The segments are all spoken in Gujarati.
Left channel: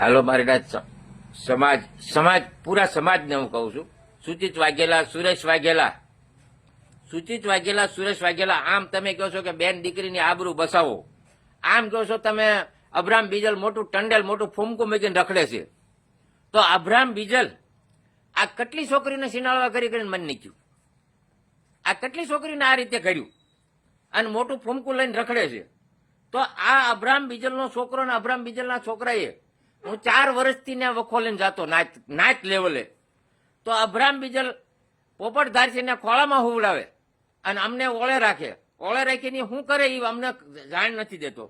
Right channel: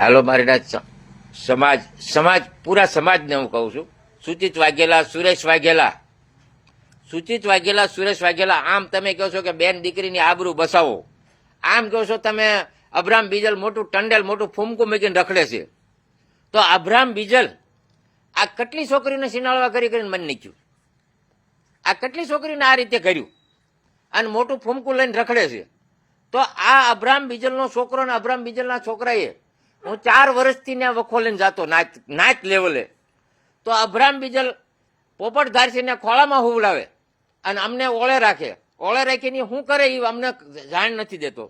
હાલો, મારીના સમાજ સમાજ, પૂરા સમાજને હું કહું છું. સુચિત વાઘેલા, સુરેશ વાઘેલા. સુચિત વાઘેલા, સુરેશ વાઘેલા, આમ તમે કહો છો કે બેન દીકરીની આબરૂ બસાવો. આમ કહો છો તમે અબ્રામ બીજલ મોટું ટંડેલ, મોટું ફૂમકું મૂકીને રખડે છે. તો અબ્રામ બીજલ, આ કેટલી છોકરીને સિનાળવા કરી કરીને મન નીચ્યું? આ કેટલી છોકરીને આ રીતે કર્યું? અને મોટું ફૂમકું લઈને રખડે છે. તો આ અબ્રામ બીજલનો છોકરો અને અબ્રામ બીજલના છોકરાએ હું ચાર વર્ષથી ને વખો લઈને જતો નાચ નાચ લેવલે તો અભરામ બીજલ પોપટ ધારસીને ખોળામાં હુવડાવે અને અમને ઓળે રાખે. ઓળે રાખીને શું કરે એ અમને જાણ નથી દેતો.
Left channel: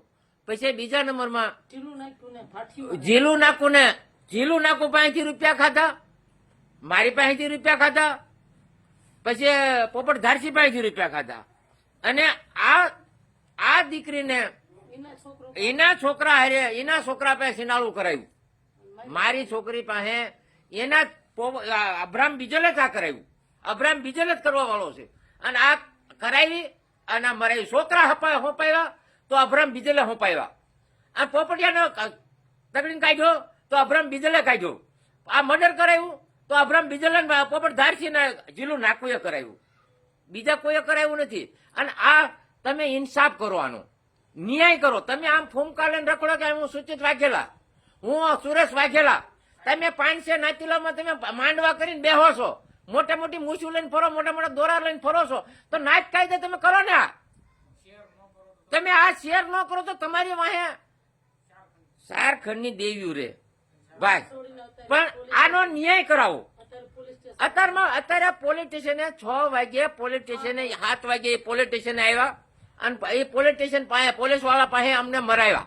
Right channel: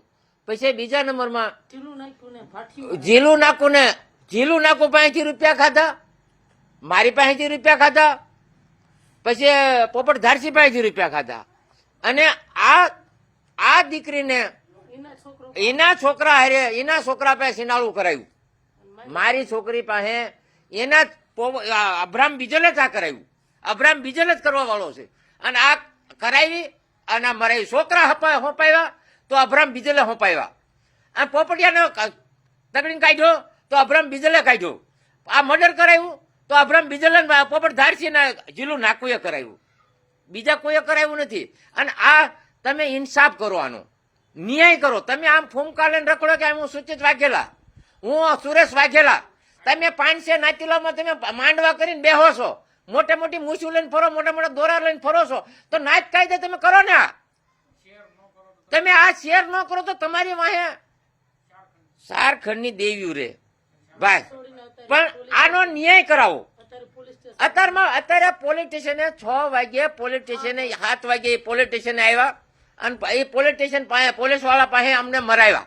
પછી બીજા નંબરમાં ઝીલું નાખ્યું ને જીલું નાકું ને જીલું નાકું પાસેથી રૂપિયા ખાધા. મારી પાસેથી રૂપિયા ખાધા. પછી પોપટ ધારસી પાસેથી રૂપિયા ખાધા. અને આ આ દીકરીને એના છોકરા હારે એના છોકરા પાસે સિનાળું કરાયું. મારી છોકરી પાસે એના અબ્રામ બીજલે જ આ કરાયું. અબ્રામ બીજલે જ કરવા વાળો છે. અને આ કરાવી અને મરાવી છોકરા હપા હોપાવ્યા તો અબ્રામ બીજલે હોપાવ્યા આ પોપટિયાને તકડી કાઢ્યો તો અબ્રામ બીજલે કાઢ્યો. આ મર્ડર કરાયું તો અબ્રામ બીજલે પોપટ ધારસીને જીલું નાકુએ કરાયું. બીજા કોઈએ કરાયું નથી. અને આ તમે ઇન્સાફ કરો આનો ન્યાય કરો. તમે આમ ફૂમકા લઈને રખડો કે હું સુચિત વાઘેલા? હું સુરેશ વાઘેલા? તમે પાંચસે નાતીલામાં તમે માંડવા કરીને બેહો છો. મોટા મોટી મૂછું લઈને ફરો, મોટા મોટા દોરા લઈને ફરો છો. તો નાચ કાયદે તમે કરો ને. તમે આ શેર ન કરો તો તમારી વાહે સારખંડની દેવ્યું રે. ભાઈ, પણ આનો ન્યાય કરાવો. અત્યારમાં અત્યારે પોલીસ સ્ટેશને છ વાગ્યે પોલીસ સ્ટેશને સાત વાગ્યે પોલીસ સ્ટેશને આવ્યા. અને એ પોલીસ સ્ટેશન પાસે પોલીસવાળા પાસે અમને મરાવ્યા.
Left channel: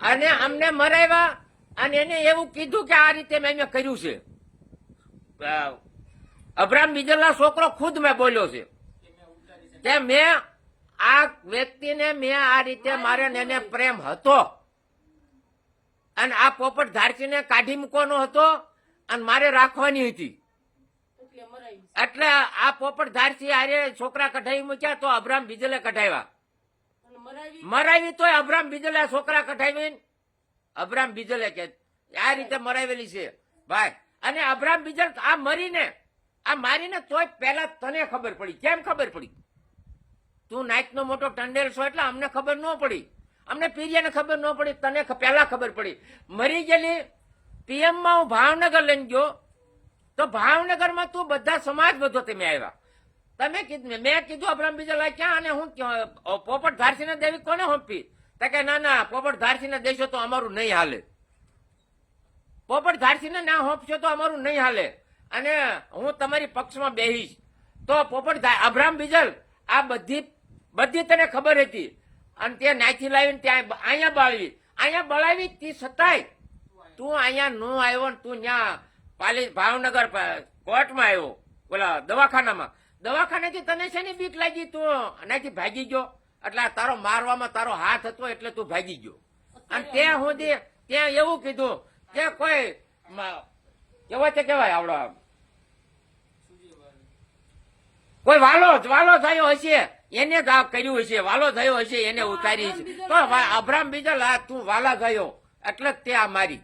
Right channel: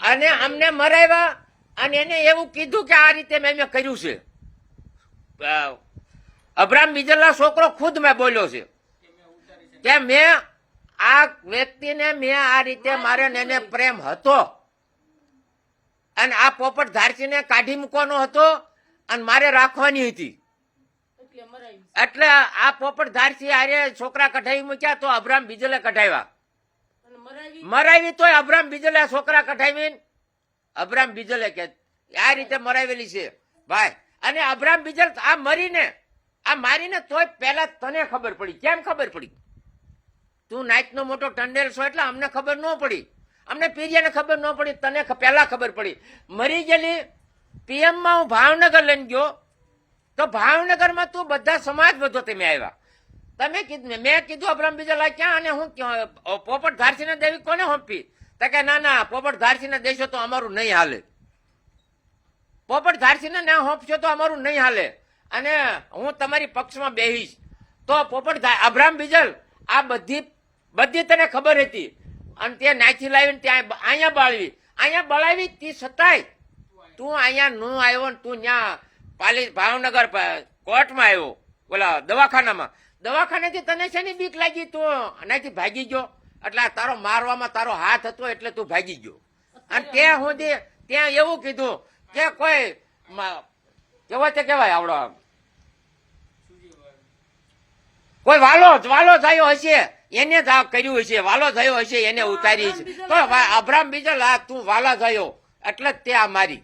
અને અમને મરાવ્યા અને એને એવું કીધું કે આ રીતે મેં મેં કર્યું છે. અબ્રામ બીજલના છોકરો ખુદ મેં બોલ્યો છે. કે મેં આ વ્યક્તિને મેં આ રીતે મારે એને પ્રેમ હતો. અને આ પોપટ ધારસીને કાઢી મૂકવાનો હતો અને મારે રાખવાની હતી. એટલે આ પોપટ ધારથી આરે છોકરા કઢાવી મૂક્યા તો અબ્રામ બીજલે કઢાવ્યા. મરાવી તોય અબ્રામ બીજલે છોકરા કઢાવીને અબ્રામ બીજલે કે આ રીતે મરાવેલી છે. ભાઈ અને અબ્રામ બીજલ આ મરીને આ મારીને તોય પહેલા તને ખબર પડી. કેમ ખબર પડી? તું નાઇટનો મોટો ટંડેલ છો એટલે અમને ખબર ન પડી. અમને પીરિયાને ખબર ન પડી તને પહેલા ખબર પડી. મરી ગયેલી પીએમમાં હું ભાવનગર લઈને ગયો. તો ભાવનગરમાં તું બધા સમાજ બધો તમે આવ્યા. તમે કીધું, મેં કીધું અબ્રામ બીજા ક્યાં અને હું પોપટ ધારસીને દેવી કોને હોંપી? તો કે ના ના, પોપટ ધારસીને દેશો તો અમારું નહીં હાલે. પોપટ ધારસીને ના હોંપશો તો અમારું નહીં હાલે. અને હું તમારી પક્ષમાં બેહીશ. તો પોપટ અબ્રામ બીજલ, આ બધી બધી તને ખબર હતી. અને તે નાચી લાવીને ત્યાં અહીંયા બાળવી. અહીંયા બળાવી તે છતાંય. તું અહીંયા ન આવ્યો ને તું ત્યાં પાલી ભાવનગર કોર્ટમાં આવ્યો. ઓલા દવાખાનામાં. દવાખાનેથી તને છે ને બીક લાગી તું? આનાથી ભાગી ગયો. એટલે તારો મારવામાં તારો હાથ હતો એટલે તું ભાગી ગયો. અને ત્યાં સુધી ત્યાં એવું કીધું કે કોઈ કેવાય તે કેવાય આવડો આમ. કોઈ વાલો વાલો થયો હશે. એને જ આ કર્યું હશે. વાલો થયો હશે એને ઉતારી છે તો અભરામ બીજલ આ તું વાલા થયો. એટલે તે આ મારી.